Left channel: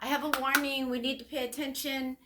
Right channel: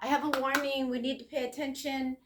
I have a warning. We need to pay attention.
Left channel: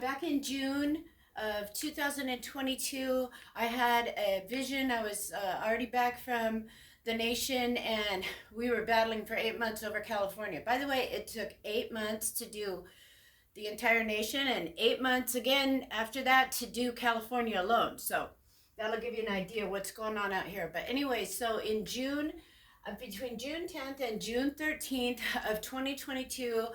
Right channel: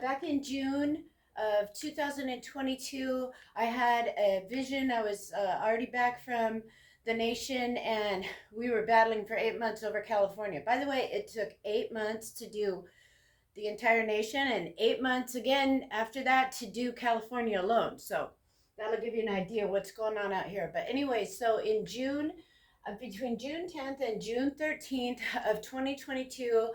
Back in June of 2022, I had a vision. I was already back from the nation, and we were battling for 8 months over California. By the way, it took 8 months to do the entire nation, and 8 months again after that to do California alone. So that'll give you an idea of what's going on out here. But anyway, so in June, between June 10th and June 13th of 2022,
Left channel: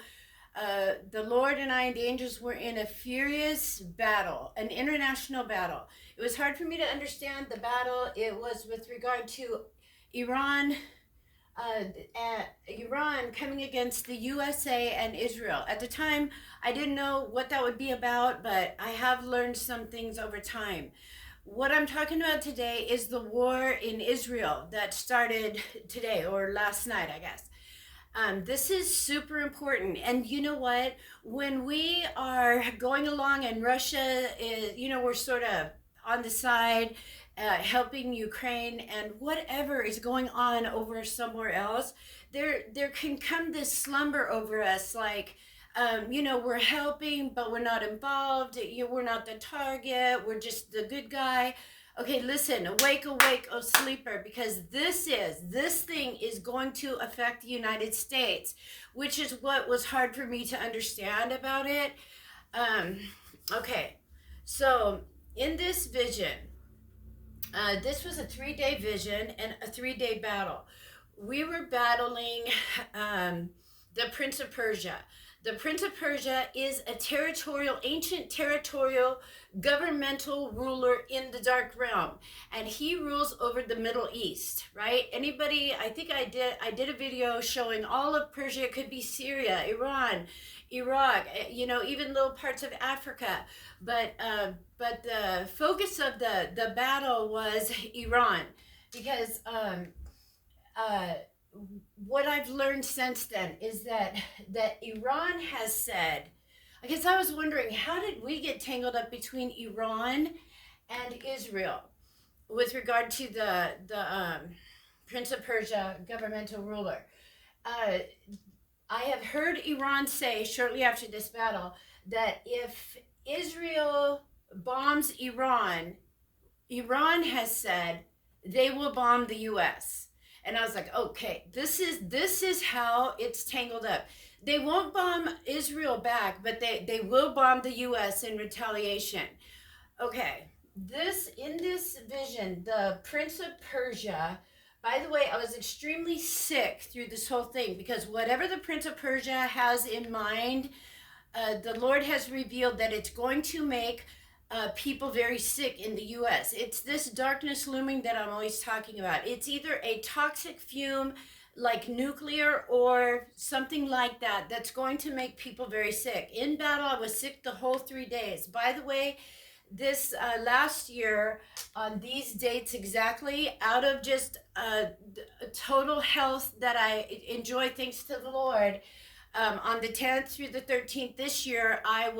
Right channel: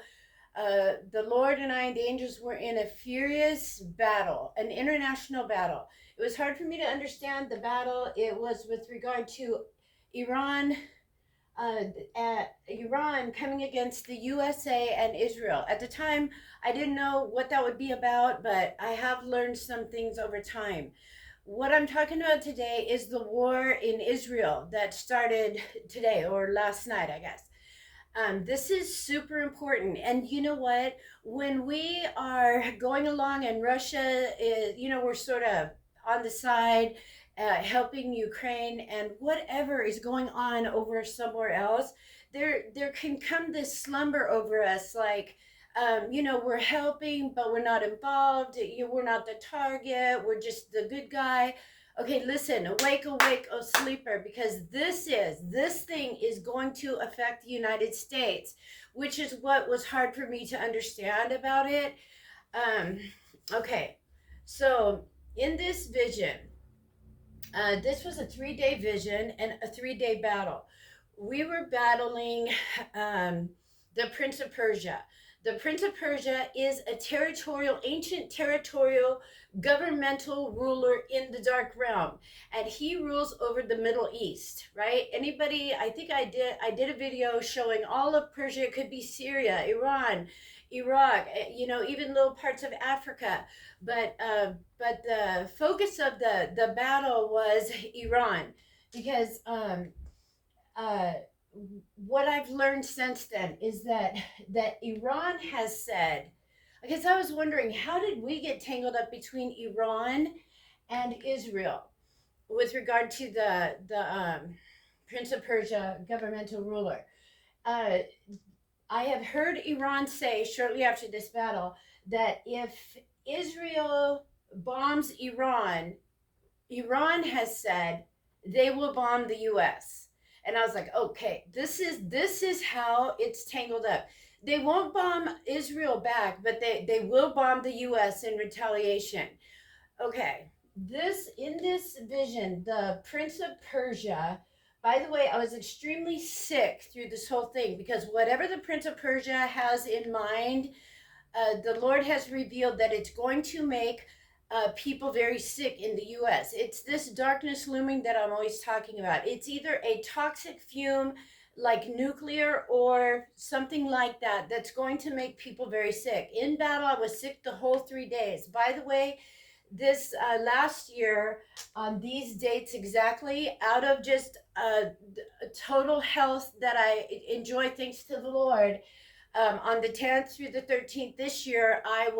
the Lord and I and the angels were in a furious battle, an international battle. It was hard for me to understand the battle. It was with regard to Iran, Iran coming against the USA and Israel. At the time, I didn't know what that would be about, but I have learned some things over time. What I'm talking about today is the war in Israel that started today or last night, I guess. This is super important. And you know what? When we are going along and Russia is, we're sort of on the side, helping Ukraine and whatever is going on over somewhere else, there can come this slumber over us like, we're helping, but we're not involved. We're not the target. We're just the good guy. Okay, listen, awake, awake, oh sleeper, because this thing is going to affect the United States, which is what was hard for me to understand about it. Okay, so in this vision, this was a 3-day vision and a 3-day battle. We were battling the Prince of Persia. The Prince of Persia is a ancient territorial governmental ruler in the dark realm, and he rules over the Middle East, right? Anybody, I think I did a video showing all of Persia. It could be Syria, Iran, Iraq, even little parts of Africa, but the focus of the battle was Iran, because what I've learned since then is that Iran has said, I guess I was wondering, how did we get tangled up between Iran and Israel with regard to the Prince of Persia governmental ruler? I have heard Iran say shortly after this battle that if Israel bombs Iran, Iran has said they will bomb the U.S. And I was like, okay, this is how it's tangled up. They won't bomb Israel back, but they will bomb the U.S. in retaliation. Okay, in this vision, the Prince of Persia, by the way, I was extremely sick through this whole thing, because whatever the Prince of Persia has in mind, the Lord has revealed that it's going to make people very sick in the U.S. It's this darkness looming that I'm always talking about. It's either a toxic fume like nuclear or something like that that's going to make people very sick. In battle, I was sick the whole 3 days. By the way, this last year on these dates exactly, out of just total health that I enjoy thanks to the Lord, on the 10th through the 13th this year, I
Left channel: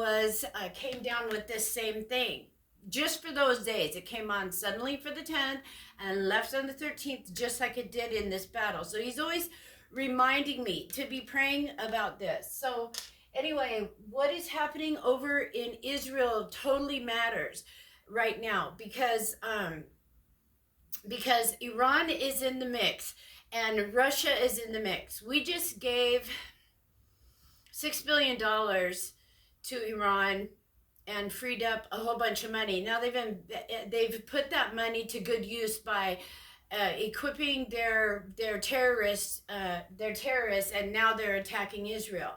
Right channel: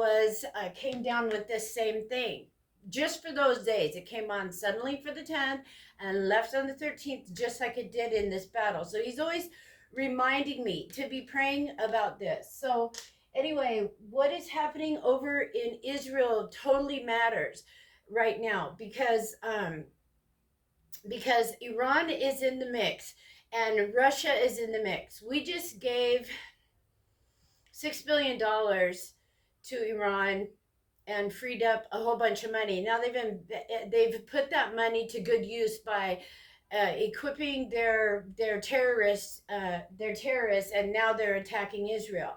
came down with this same thing. Just for those days, it came on suddenly for the 10th and left on the 13th, just like it did in this battle. So he's always reminding me to be praying about this. So anyway, what is happening over in Israel totally matters right now, because Iran is in the mix and Russia is in the mix. We just gave $6 billion to Iran and freed up a whole bunch of money. Now they've put that money to good use by equipping their terrorists, and now they're attacking Israel.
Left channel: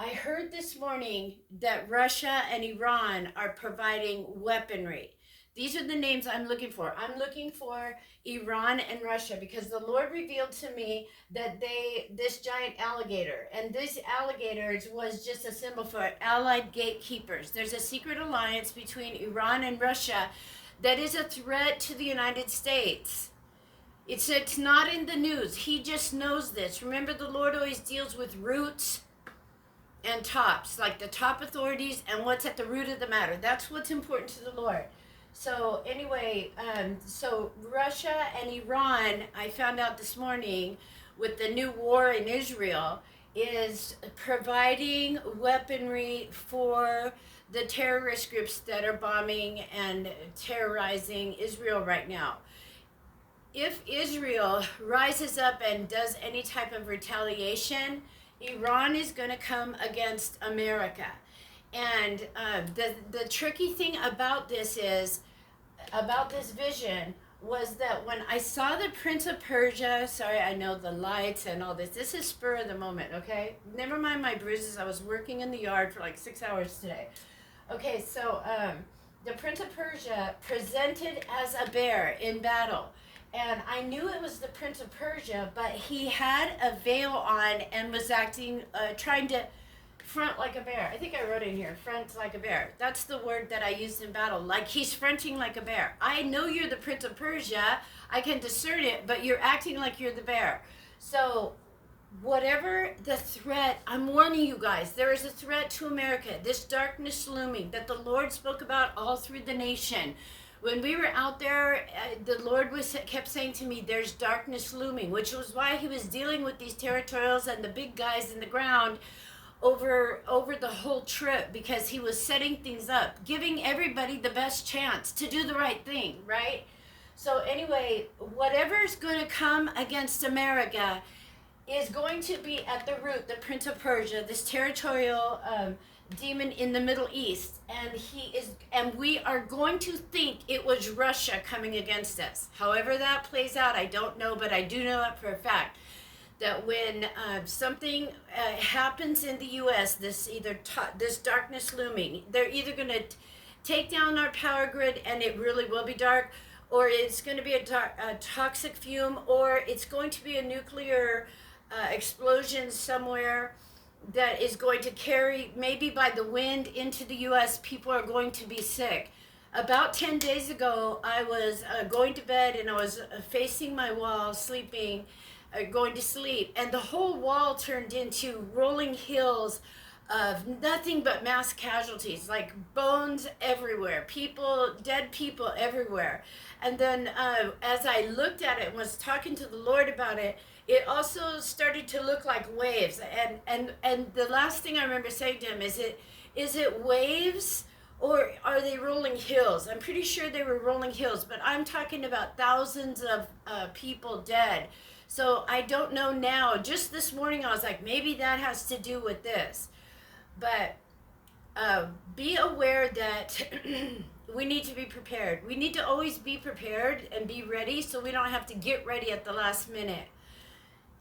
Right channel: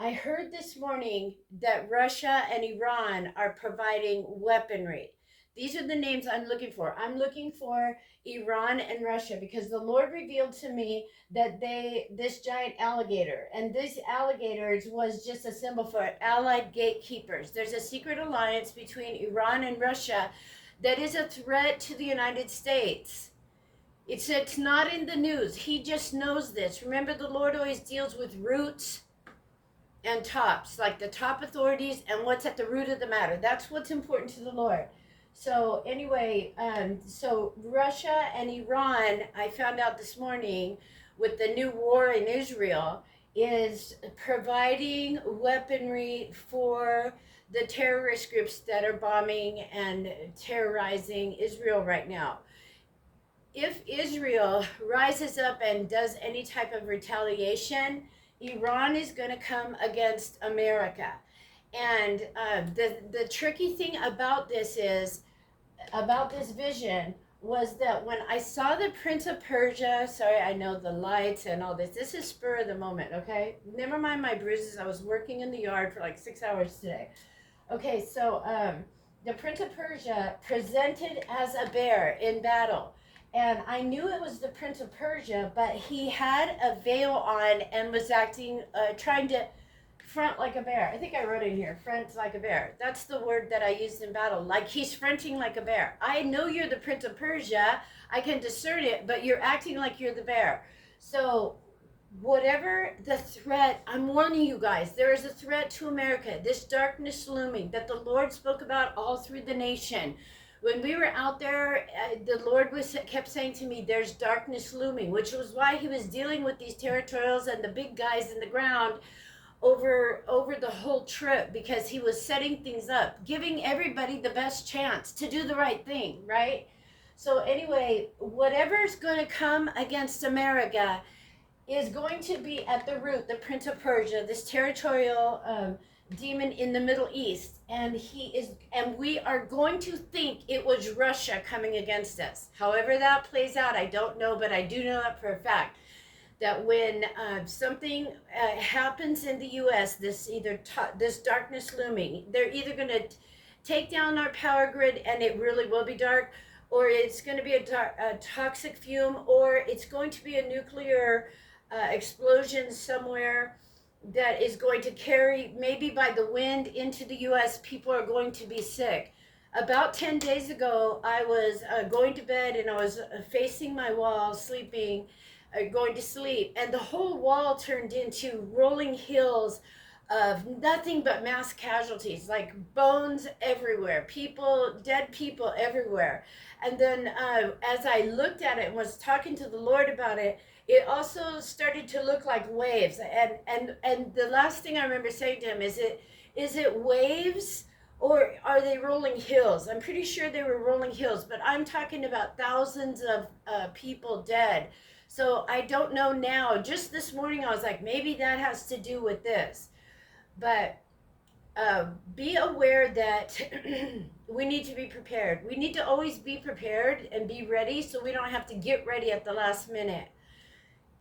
I heard this morning that Russia and Iran are providing weaponry. These are the names I'm looking for. I'm looking for Iran and Russia, because the Lord revealed to me that this giant alligator, and this alligator was just a symbol for allied gatekeepers. There's a secret alliance between Iran and Russia that is a threat to the United States. It's not in the news. He just knows this. Remember, the Lord always deals with roots and tops, like the top authorities and what's at the root of the matter. That's what's important to the Lord. So anyway, so Russia and Iran, I found out this morning with the new war in Israel, is providing weaponry for the terrorist groups that are bombing and terrorizing Israel right now. If Israel rises up and does any type of retaliation, Iran is going to come against America. And the tricky thing about this vision was that when I saw the Prince of Persia, sorry, I know the lights and all this. This is spur of the moment, okay? Never mind my bruises. I was working in the yard for like 6 hours today. Okay, so the Prince of Persia presented as a bear in battle. And I knew it was the Prince of Persia, but he had a veil on and was acting, trying to front like a bear. I think I wrote in here, front like a bear. That's the word that I used in battle. Like he's fronting like a bear. I know you're the Prince of Persia. I can discern it, but you're acting like you're the bear. So whatever the threat, I'm warning you guys, there is a threat to America. This darkness looming that the Lord spoke about all through the nation. When we were out there, the Lord kept saying to me, there's darkness looming, which was why he was dealing with these territorials and the big guys in the ground over the whole trip, because he was setting things up, giving everybody the best chance to do the right thing, right? So anyway, whatever's going to come against America is going to be at the root, the Prince of Persia, this territorial demon in the Middle East, and we are going to think it was Russia coming against us. However that plays out, I don't know, but I do know that for a fact, that when something happens in the U.S., this darkness looming, they're either going to take down our power grid, and it really will be dark, or it's going to be a toxic fume, or it's going to be a nuclear explosion somewhere that is going to carry, maybe by the wind, into the U.S. People are going to be sick. About 10 days ago, I was going to bed, and I was facing my wall, sleeping, going to sleep, and the whole wall turned into rolling hills of nothing but mass casualties, like bones everywhere, dead people everywhere. And then as I looked at it and was talking to the Lord about it, it also started to look like waves. And the last thing I remember saying to him is it waves, or are they rolling hills? I'm pretty sure they were rolling hills, but I'm talking about thousands of people dead. So I don't know now. Just this morning I was like, maybe that has to do with this. But be aware that we need to be prepared. We need to always be prepared and be ready, so we don't have to get ready at the last minute.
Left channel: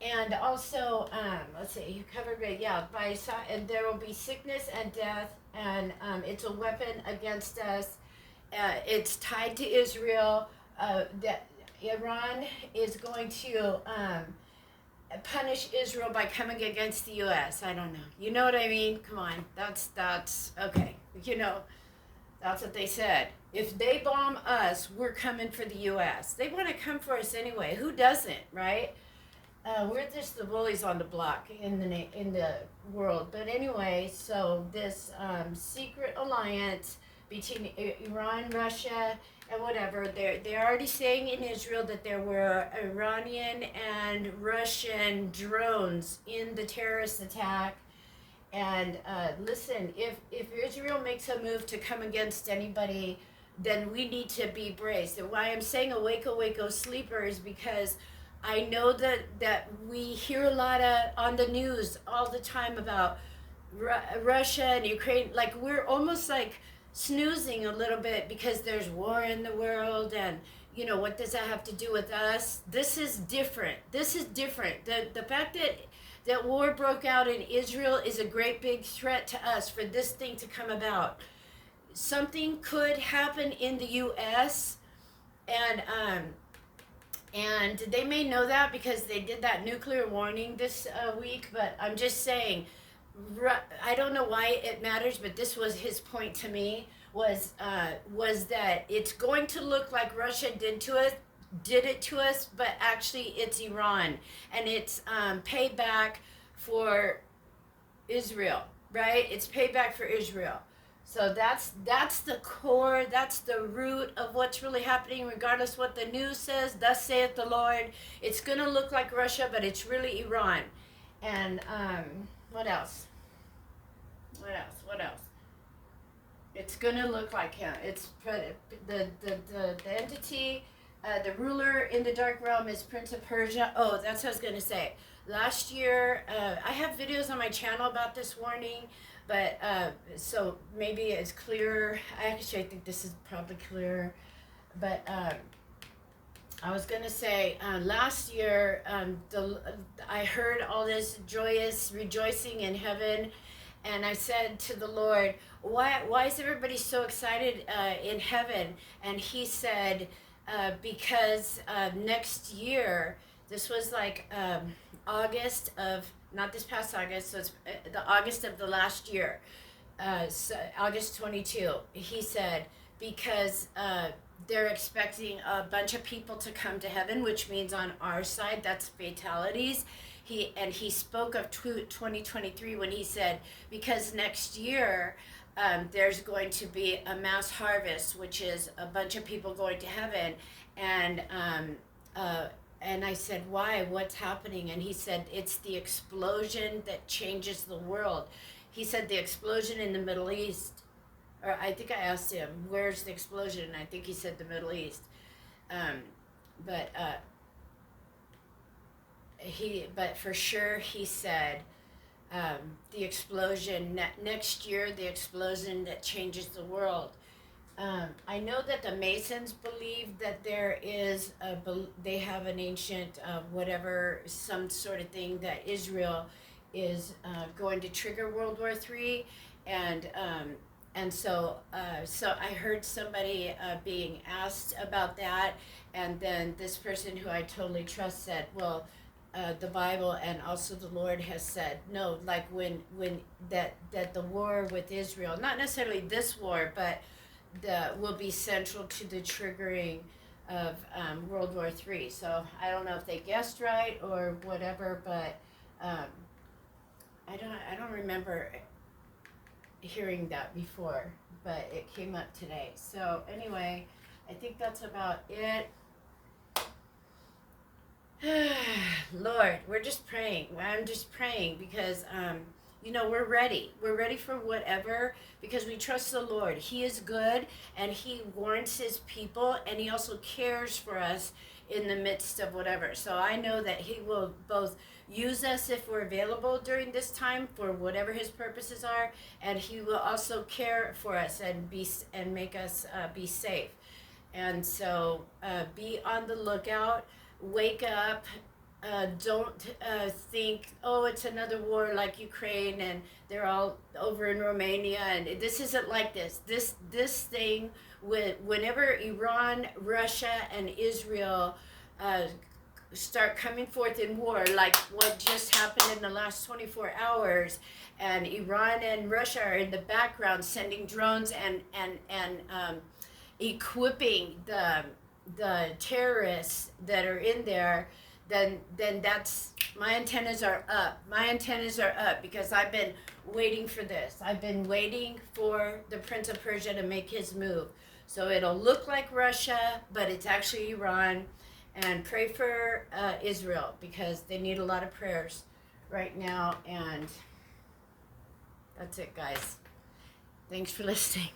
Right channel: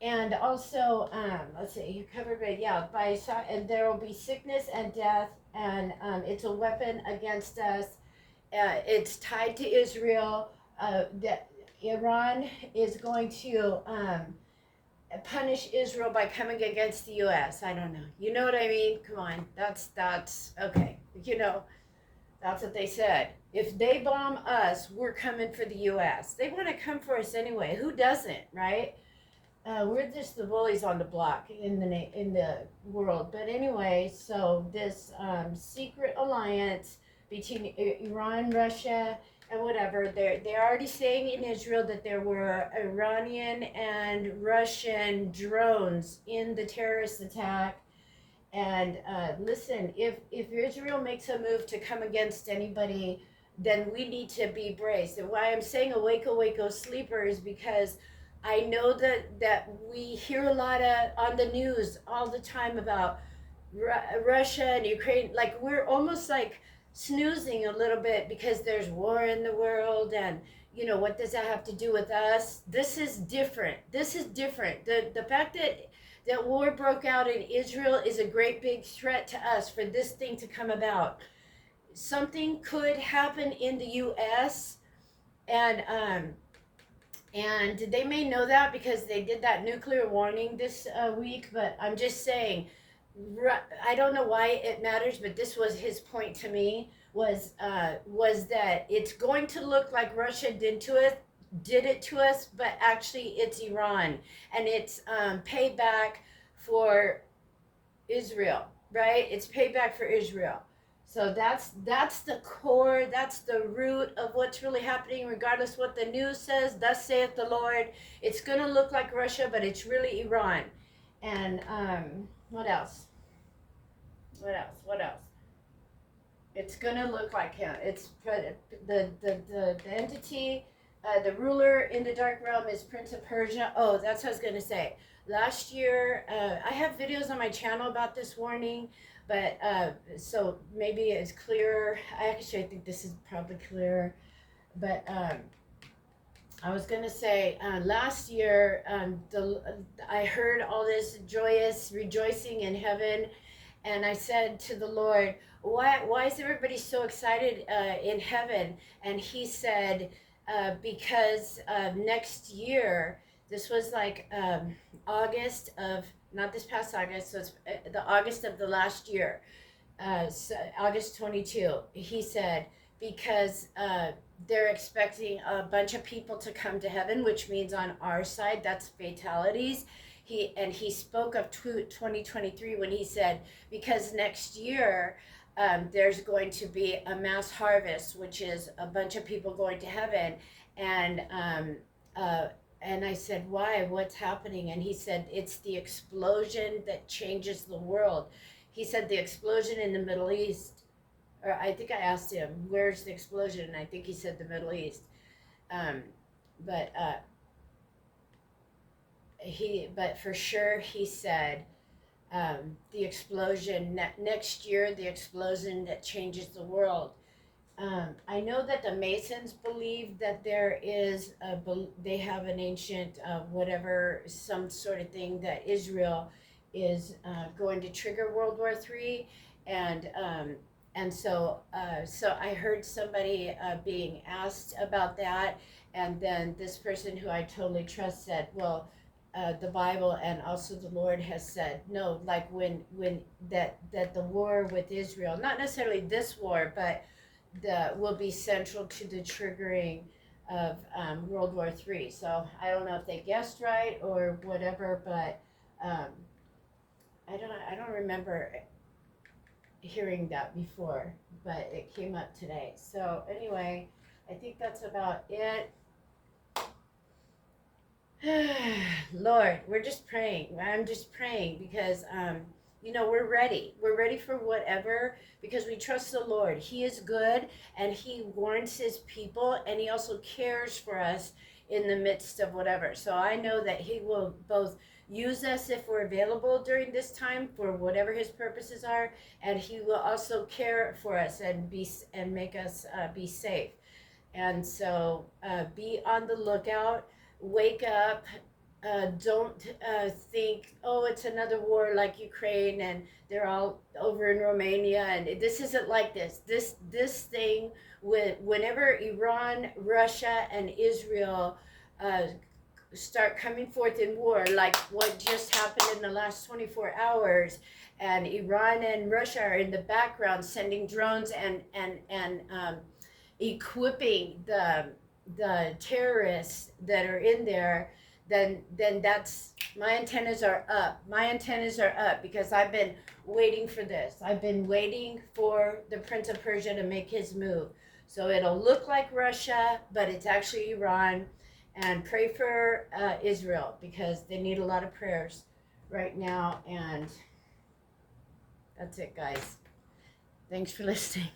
And also, let's see, you covered it, yeah, and there will be sickness and death, and it's a weapon against us. It's tied to Israel. That Iran is going to punish Israel by coming against the U.S. I don't know. You know what I mean? Come on, that's okay. You know, that's what they said. If they bomb us, we're coming for the U.S. They want to come for us anyway. Who doesn't, right? We're just the bullies on the block in the world. But anyway, so this secret alliance between Iran, Russia, and whatever, they're already saying in Israel that there were Iranian and Russian drones in the terrorist attack. And listen, if Israel makes a move to come against anybody, then we need to be braced. And why I'm saying awake, awake, O sleeper, is because I know that we hear a lot on the news all the time about Russia and Ukraine. Like, we're almost like snoozing a little bit because there's war in the world, and you know, what does that have to do with us? This is different. The fact that war broke out in Israel is a great big threat to us for this thing to come about. Something could happen in the U.S. And they may know that because they did that nuclear warning this week, but I'm just saying, I don't know why it matters, but this was his point to me, was that it's going to look like Russia did it to us, but actually it's Iran, and it's payback for Israel, right? It's payback for Israel. So that's the core, that's the root of what's really happening, regardless what the news says. Thus saith the Lord. It's going to look like Russia, but it's really Iran. And what else? What else? It's gonna look like him. It's the entity, the ruler in the dark realm is Prince of Persia. Oh, that's what I was gonna say. Last year, I have videos on my channel about this warning, but so maybe it's clearer. I think this is probably clearer, but I was gonna say last year, I heard all this joyous rejoicing in heaven, and I said to the Lord, why is everybody so excited in heaven? And he said, because next year, this was like August of, not this past August, so it's the August of the last year, so August 22. He said, because they're expecting a bunch of people to come to heaven, which means on our side, that's fatalities. He spoke of 2023 when he said, because next year there's going to be a mass harvest, which is a bunch of people going to heaven. And I said, why? What's happening? And he said, it's the explosion that changes the world. He said the explosion in the Middle East, or I think I asked him, where's the explosion? And I think he said the Middle East. But for sure he said the explosion next year, the explosion that changes the world. I know that the Masons believe that there is they have an ancient whatever, some sort of thing that Israel is going to trigger World War III, and so I heard somebody being asked about that, and then this person who I totally trust said, well, the Bible and also the Lord has said, no, like when that the war with Israel, not necessarily this war, but will be central to the triggering of World War III. So I don't know if they guessed right or whatever, but I don't remember hearing that before, but it came up today. So anyway, I think that's about it. Lord, we're just praying. I'm just praying because we're ready. We're ready for whatever, because we trust the Lord. He is good, and he warns his people, and he also cares for us in the midst of whatever. So I know that he will both use us if we're available during this time for whatever his purposes are, and he will also care for us and make us be safe. And so be on the lookout. Wake up. Don't think, oh, it's another war like Ukraine and they're all over in Romania, and this isn't like this. This thing, whenever Iran, Russia, and Israel start coming forth in war, like what just happened in the last 24 hours, and Iran and Russia are in the background sending drones and equipping the terrorists that are in there, then that's, my antennas are up. My antennas are up because I've been waiting for this. I've been waiting for the Prince of Persia to make his move. So it'll look like Russia, but it's actually Iran. And pray for Israel, because they need a lot of prayers right now. And that's it, guys. Thanks for listening.